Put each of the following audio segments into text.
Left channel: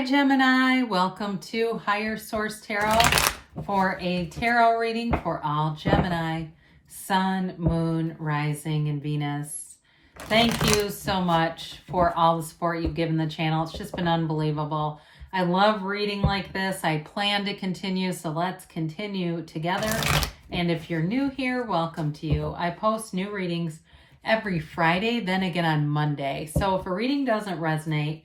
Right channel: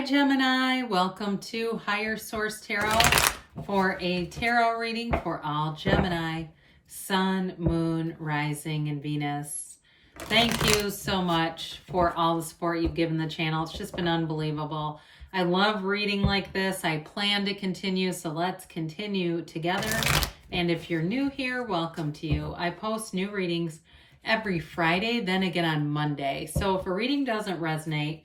Hi Gemini, welcome to Higher Source Tarot for a tarot reading for all Gemini, Sun, Moon, Rising, and Venus. Thank you so much for all the support you've given the channel. It's just been unbelievable. I love reading like this. I plan to continue, so let's continue together. And if you're new here, welcome to you. I post new readings every Friday, then again on Monday. So if a reading doesn't resonate,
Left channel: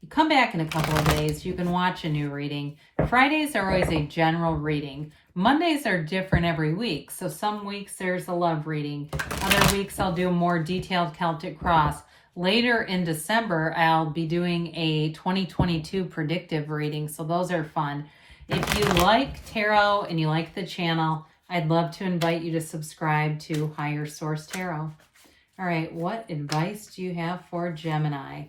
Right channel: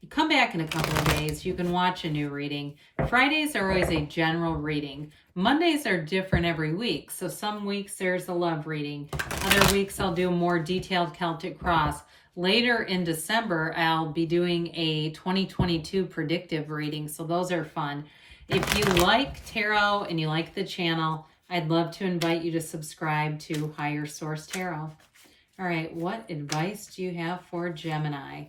you come back in a couple of days, you can watch a new reading. Fridays are always a general reading. Mondays are different every week. So some weeks there's a love reading. Other weeks I'll do a more detailed Celtic cross. Later in December, I'll be doing a 2022 predictive reading. So those are fun. If you like tarot and you like the channel, I'd love to invite you to subscribe to Higher Source Tarot. All right, what advice do you have for Gemini?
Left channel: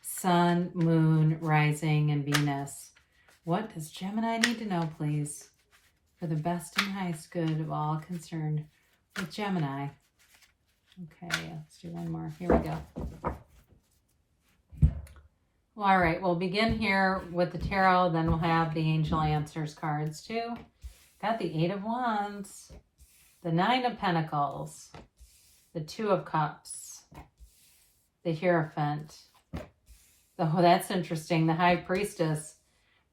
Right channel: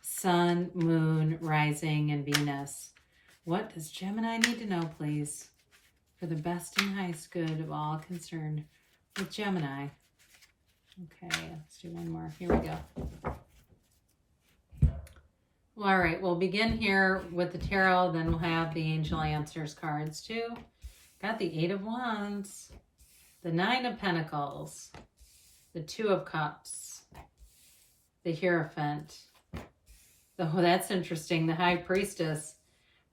Sun, Moon, Rising, and Venus. What does Gemini need to know, please, for the best and highest good of all concerned with Gemini? Okay, let's do one more. Here we go. All right, we'll begin here with the tarot, then we'll have the Angel Answers cards too. Got the Eight of Wands, the Nine of Pentacles, the Two of Cups, the Hierophant. Oh, that's interesting. The High Priestess,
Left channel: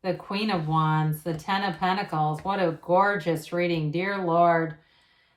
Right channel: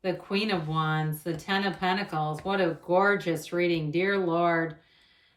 the Queen of Wands, the Ten of Pentacles. What a gorgeous reading. Dear Lord,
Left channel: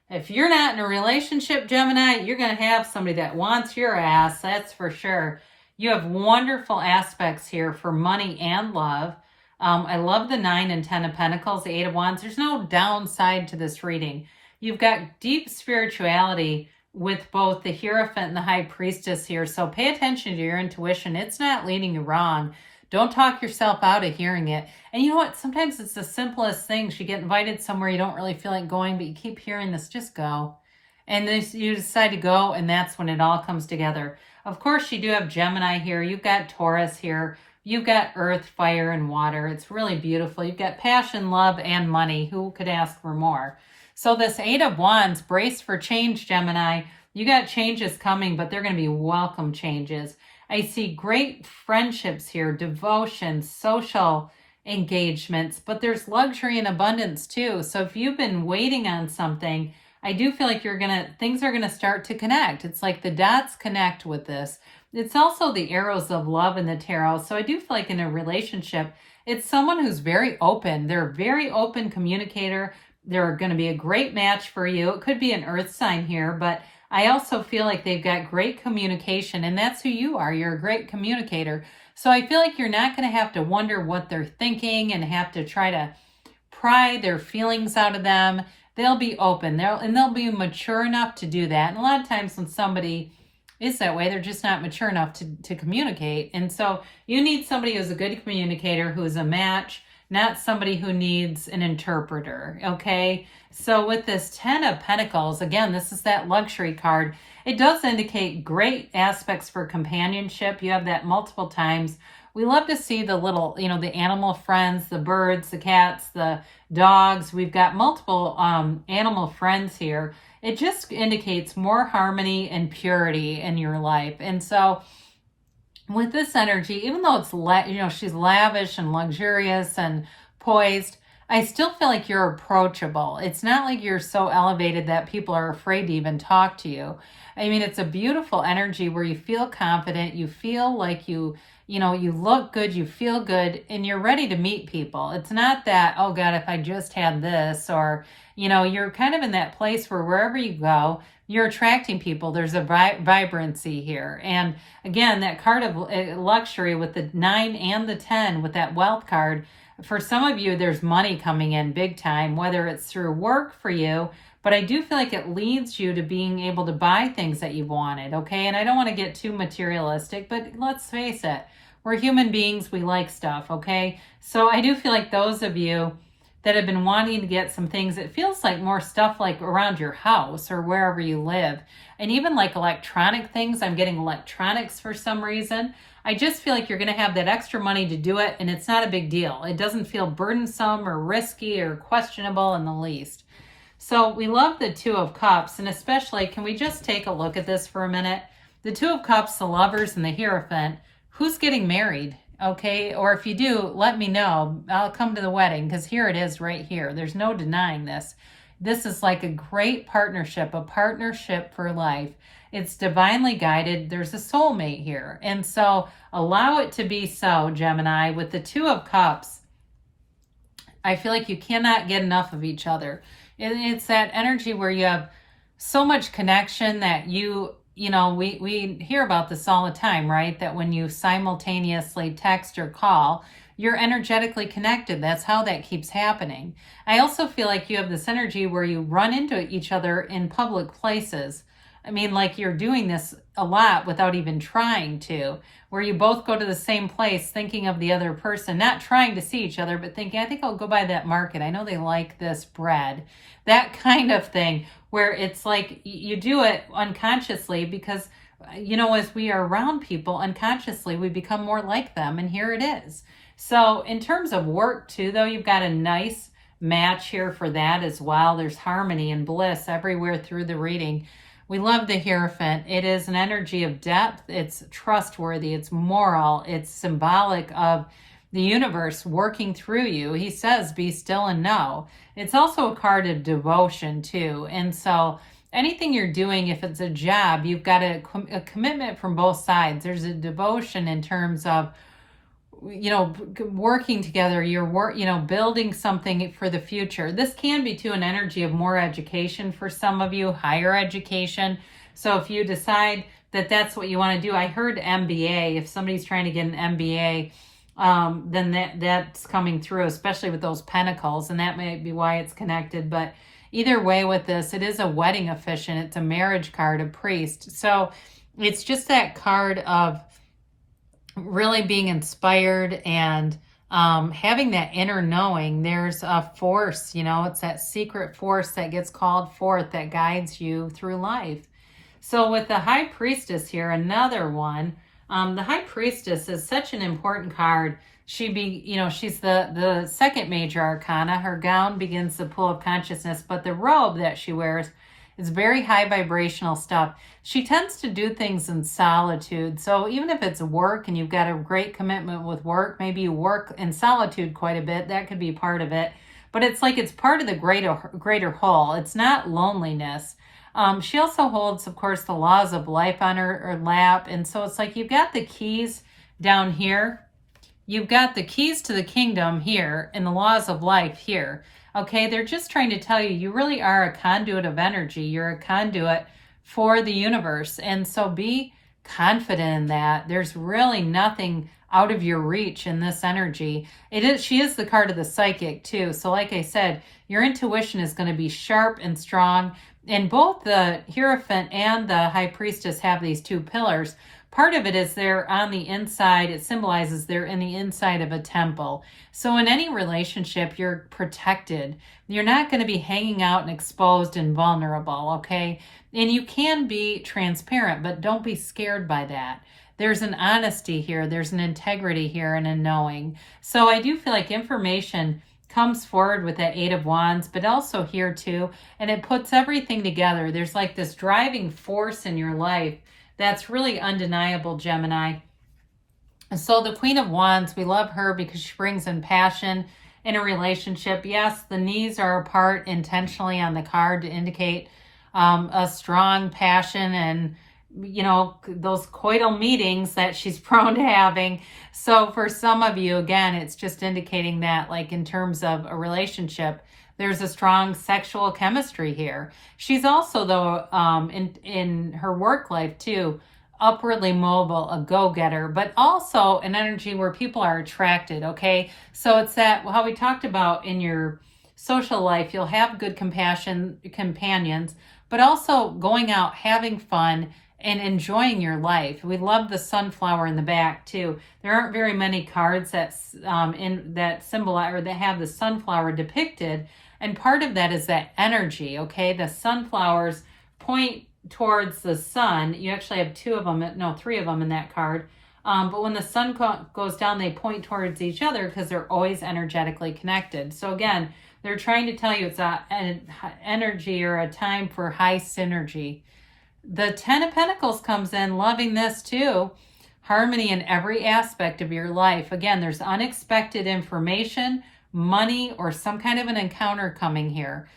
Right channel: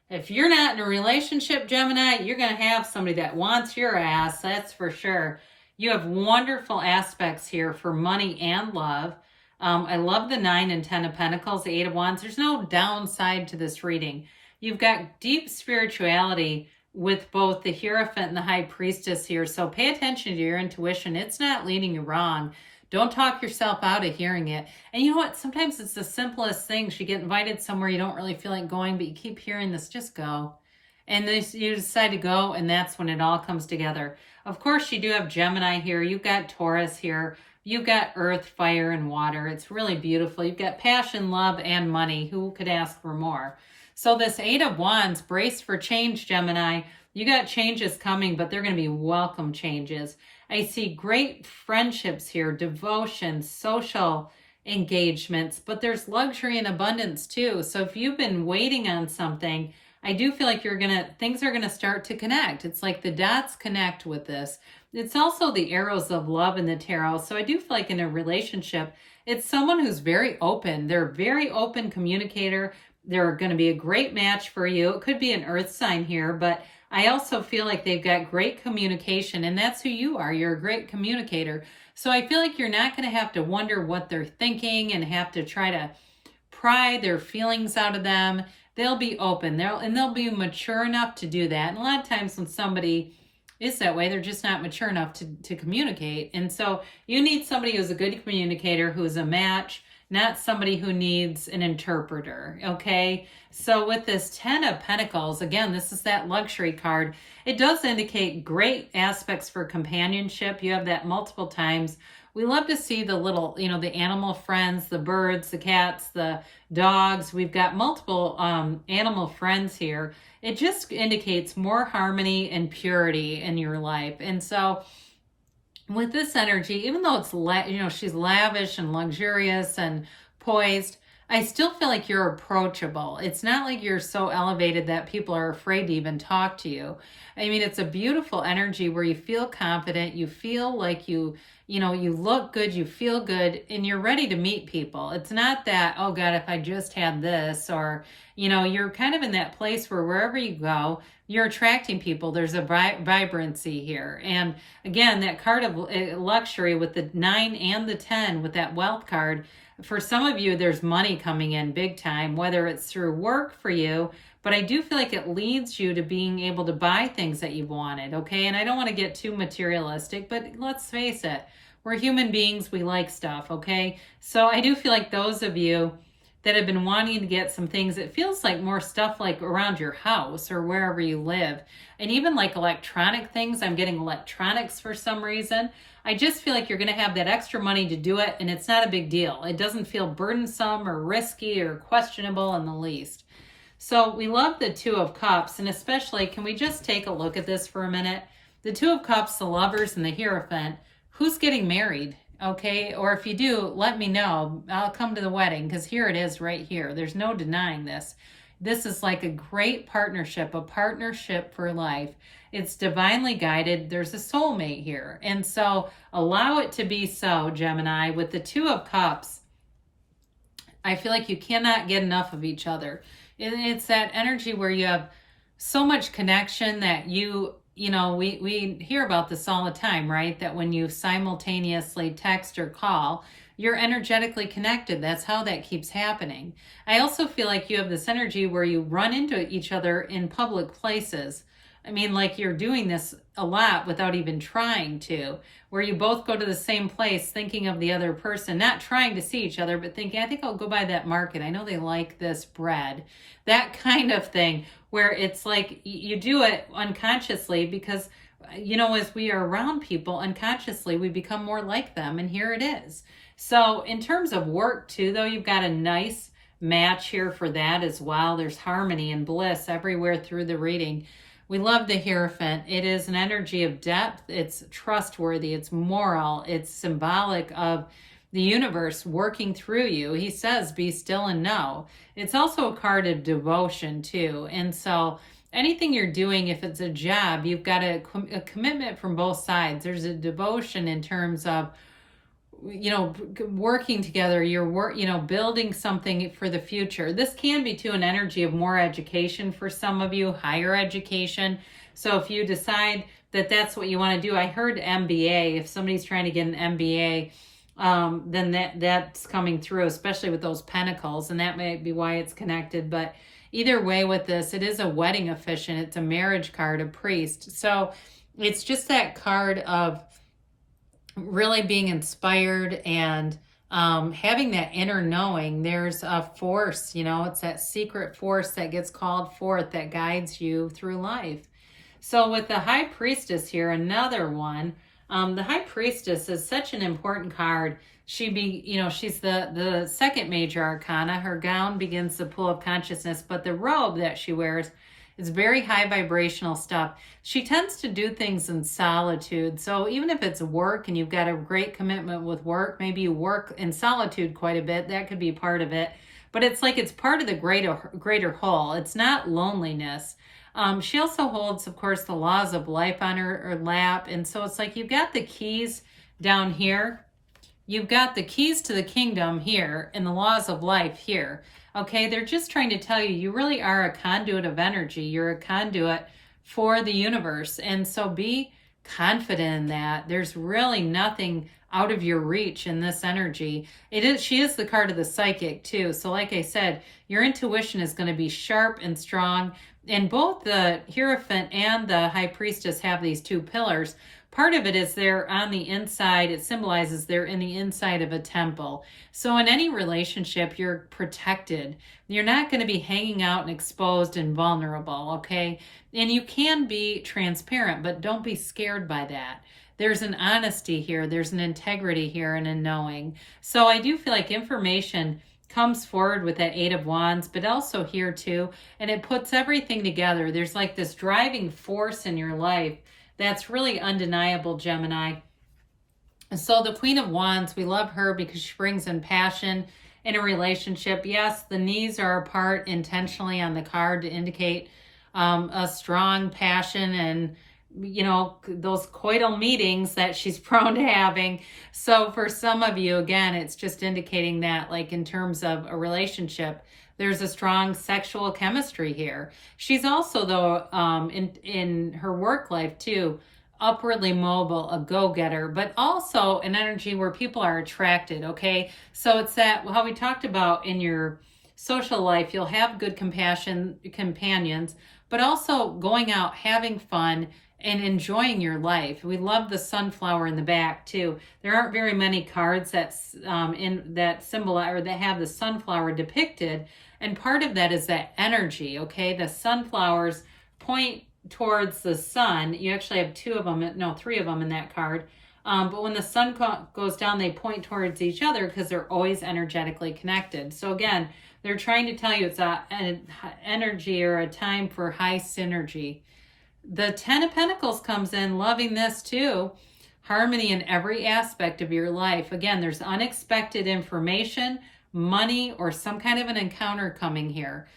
if you're not in a relationship, Gemini, you're going to have somebody that wants your ass. That's for sure. You have wonderful aspects here for money and love. I love the 9 and 10 of Pentacles, the 8 of Wands. There's no downside to this reading. You've got deep spirituality with both the Hierophant and the High Priestess here. So pay attention to your intuition. It's not leading you wrong. Don't talk yourself out of hearing it. And you know what? Sometimes it's the simplest things. You get invited somewhere you don't really feel like going, but you keep hearing this, just go. And then you decide to go, and that's when it all comes together. Of course, you do have Gemini here. You've got Taurus here. You've got earth, fire, and water. It's really beautiful. You've got passion, love, and money. Who could ask for more? So this 8 of Wands, brace for change, Gemini. You got changes coming, but they're going to be welcome changes. I see great friendships here, devotion, social engagements, but there's luxury and abundance too. So if you've been waiting on something, I do feel like things are going to start to connect. It's like the dots connect with this. It's also the arrows of love in the tarot. So I do feel like in a relationship, it's someone who's very open. They're a very open communicator. They're going to be a great match for you. It could be an earth sign here, but I also feel like they've got great communication, and that's who you are. You're a great communicator. So I feel like you're not going to have to wonder what they're thinking and have to try to pry their feelings out of them. They'll be open. They'll be mature enough to do that. And a lot of times when somebody is that way, they're just not mature enough to communicate. And so you need somebody who's a good communicator, who's a match, not somebody who needs an interpreter, okay? So with this 10 of Pentacles, again, this is that luxury card. It does indicate great aspects for companionship. You have that multiple times. We love to see the little, the animal friends, the birds, the cats, the dogs. We've got multiple animal friends here. It just indicates more harmony and purity in your life. And so with this energy, even though it's, she's lavish and luxurious and poised, I still feel like you're approachable. It's not like you're so elevated that people are afraid to even talk to you. I mean, it's a beautiful energy where you feel confident, you feel like you look good, you feel good, and you're ready to meet people. It's not that, oh God, if I just had this, or, you're kind of in that place where wherever you go, you're attracting people. There's a vibrancy here. And again, that card of luxury with the 9 and the 10 with that wealth card, for some of you, there's money coming in big time, whether it's through work for you, but I do feel like it leads you to being able to buy things that you've wanted, okay? And I don't want to get too materialistic, but let's face it, we're human beings, we like stuff, okay? So I do feel like those of you that have been wanting to get some things, it feels like more stuff like around your house or wherever you live. And even like electronic things, I'm getting electronics for some reason. I just feel like you're going to have that extra money to do it, and it's not a big deal. It doesn't feel burdensome or risky or questionable in the least. So we love the Two of Cups, and especially, can we just take a look at this for a minute? The Two of Cups, the Lovers, and the Hierophant, who's getting married? okay? Or if you do, let me know. I'll come to the wedding, because here it is right here. There's no denying this. This is like a great partnership, a partnership for life. It's divinely guided. There's a soulmate here. And so allow it to be so, Gemini. With the Two of Cups, I feel like you cannot get enough of each other. It's that energy where you have so much connection that you know, we hear about this all the time, right? That when you simultaneously text or call, you're energetically connected. That's how that keeps happening. I also feel like you have this energy where you run into each other in public places. I mean, like you're doing this a lot without even trying to, where you both go to the same place thinking of the other person, not trying to see each other, but thinking, I think I'll go by that market. I know they like this bread. That kind of thing, where it's like you do it unconsciously because, you know, as we are around people unconsciously, we become more like them. And here it is. So in terms of work too, though, you've got a nice match here for that as well. There's harmony and bliss everywhere through the reading. We love the Hierophant. It is an energy of depth. It's trustworthy. It's moral. It's symbolic of the universe working through you. He says, be still and know. It's also a card of devotion too. And so anything you're doing, if it's a job, you've got a commitment from both sides. There's a devotion in terms of, you know, working together, you know, building something for the future. This can be too an energy of more education for some of you, higher education. So if you decide that that's what you want to do, I heard MBA. If somebody's trying to get an MBA, then that's coming through, especially with those pentacles, and that might be why it's connected. But either way with this, it is a wedding officiant. It's a marriage card, a priest. So it's just that card of really being inspired and having that inner knowing. There's a force, you know, it's that secret force that gets called forth that guides you through life. So with the High Priestess here, another one, the High Priestess is such an important card. She's the second major arcana. Her gown begins the pool of consciousness, but the robe that she wears is very high vibrational stuff. She tends to do things in solitude. So even if it's work and you've got a great commitment with work, maybe you work in solitude quite a bit, that could be part of it. But it's like it's part of the greater whole. It's not loneliness. She also holds, of course, the laws of life on her lap. And so it's like you've got the keys down here. You've got the keys to the kingdom here and the laws of life here. Okay, they're just trying to tell you, you really are a conduit of energy. You're a conduit for the universe. And so be confident in that. There's really nothing out of your reach in this energy. She is the card of the psychic too. So like I said, your intuition is going to be sharp and strong. And both the Hierophant and the High Priestess have these two pillars. Part of it is they're on the inside. It symbolizes they're in the inside of a temple. So in any relationship, you're protected. You're not going to be hanging out and exposed and vulnerable, okay? And you can be transparent, but don't be scared by that. There's an honesty here. There's an integrity here and a knowing. So I do feel like information comes forward with that Eight of Wands, but also here too, and it puts everything together. There's like this driving force in your life that's really undeniable, Gemini. And so the Queen of Wands, we love her because she brings in passion in a relationship. Yes, the knees are apart intentionally on the card to indicate a strong passion and, you know, those coital meetings that she's prone to having. So for some of you, again, it's just indicating that, like, in terms of a relationship, there's a strong sexual chemistry here. She's also, though, in her work life too, upwardly mobile, a go-getter, but also an energy where people are attracted, okay? So it's that, how we talked about in your social life, you'll have good companions, but also going out, having fun, and enjoying your life. We love the sunflower in the back too. There aren't very many cards that symbolize or that have the sunflower depicted, and part of that is that energy, okay? The sunflowers point towards the sun. You actually have three of them in that card. But when the sun goes down, they point towards each other because they're always energetically connected. So again, they're trying to tell you it's an energy or a time for high synergy. The Ten of Pentacles comes in, loving this too. harmony in every aspect of your life. Again, there's unexpected information, money, or some kind of an encounter coming here.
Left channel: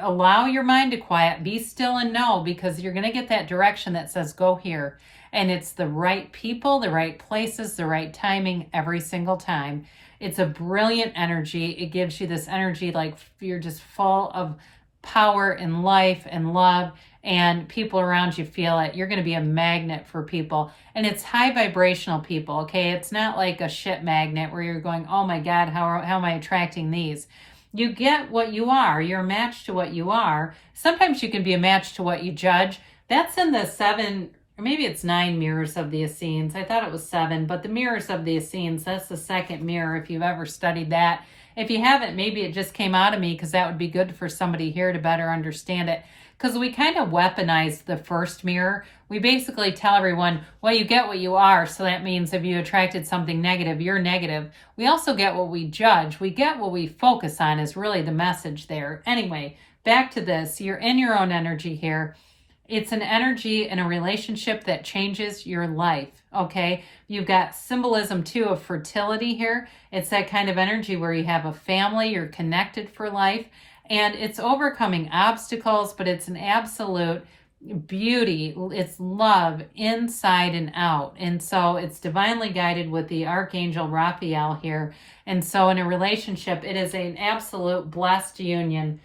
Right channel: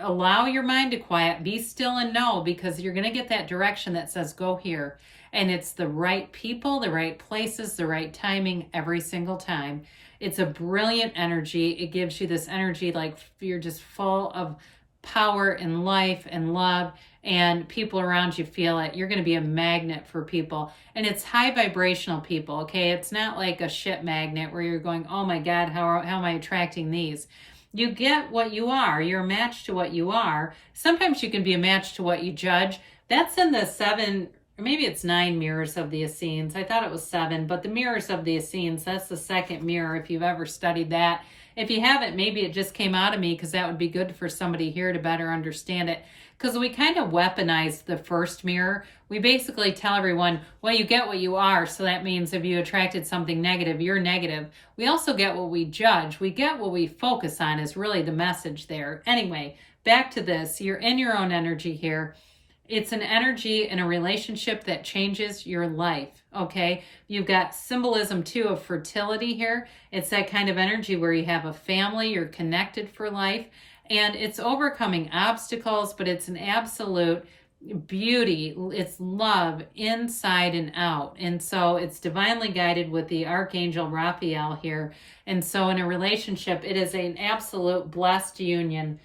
Allow your mind to quiet, be still and know, because you're going to get that direction that says go here. And it's the right people, the right places, the right timing every single time. It's a brilliant energy. It gives you this energy like you're just full of power and life and love, and people around you feel it. You're going to be a magnet for people, and it's high vibrational people, okay? It's not like a shit magnet where you're going, oh my God, how am I attracting these? You get what you are. You're a match to what you are. Sometimes you can be a match to what you judge. That's in the 7, or maybe it's 9 mirrors of the Essenes. I thought it was 7, but the mirrors of the Essenes, that's the second mirror if you've ever studied that. If you haven't, maybe it just came out of me because that would be good for somebody here to better understand it. Because we kind of weaponized the first mirror. We basically tell everyone, well, you get what you are. So that means if you attracted something negative, you're negative. We also get what we judge. We get what we focus on is really the message there. Anyway, back to this. You're in your own energy here. It's an energy in a relationship that changes your life, okay? You've got symbolism, too, of fertility here. It's that kind of energy where you have a family, you're connected for life, and it's overcoming obstacles, but it's an absolute beauty. It's love inside and out. And so it's divinely guided with the Archangel Raphael here. And so in a relationship, it is an absolute blessed union.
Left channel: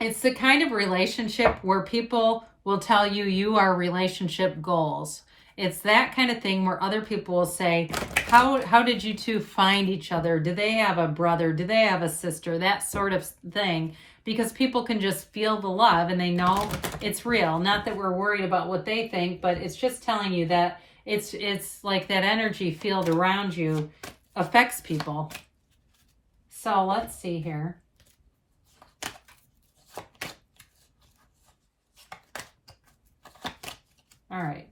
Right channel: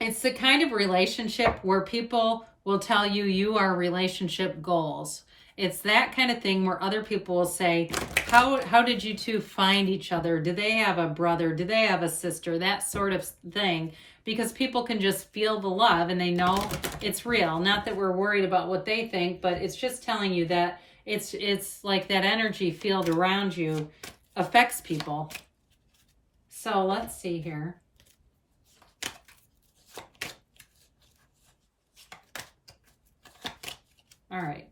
It's the kind of relationship where people will tell you you are relationship goals. It's that kind of thing where other people will say, how did you two find each other? Do they have a brother? Do they have a sister? That sort of thing. Because people can just feel the love and they know it's real. Not that we're worried about what they think, but it's just telling you that it's like that energy field around you affects people. So let's see here. All right.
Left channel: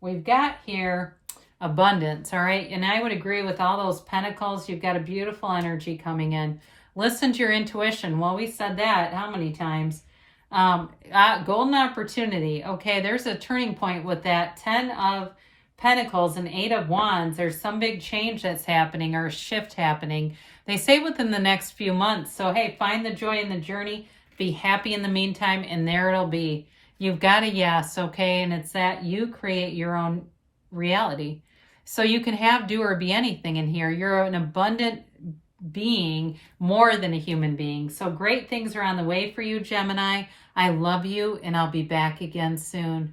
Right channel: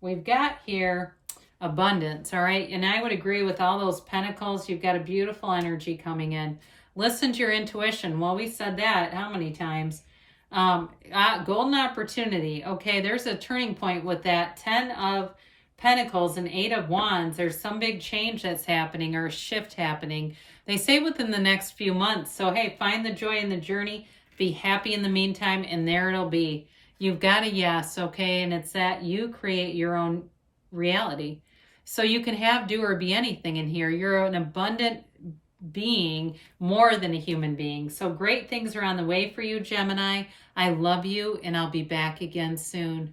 We've got here abundance, all right? And I would agree with all those pentacles. You've got a beautiful energy coming in. Listen to your intuition. Well, we said that how many times? Golden opportunity. Okay, there's a turning point with that 10 of Pentacles and 8 of Wands. There's some big change that's happening or a shift happening. They say within the next few months. So, hey, find the joy in the journey. Be happy in the meantime, and there it'll be. You've got a yes, okay? And it's that you create your own reality. So you can have, do, or be anything in here. You're an abundant being, more than a human being. So great things are on the way for you, Gemini. I love you, and I'll be back again soon.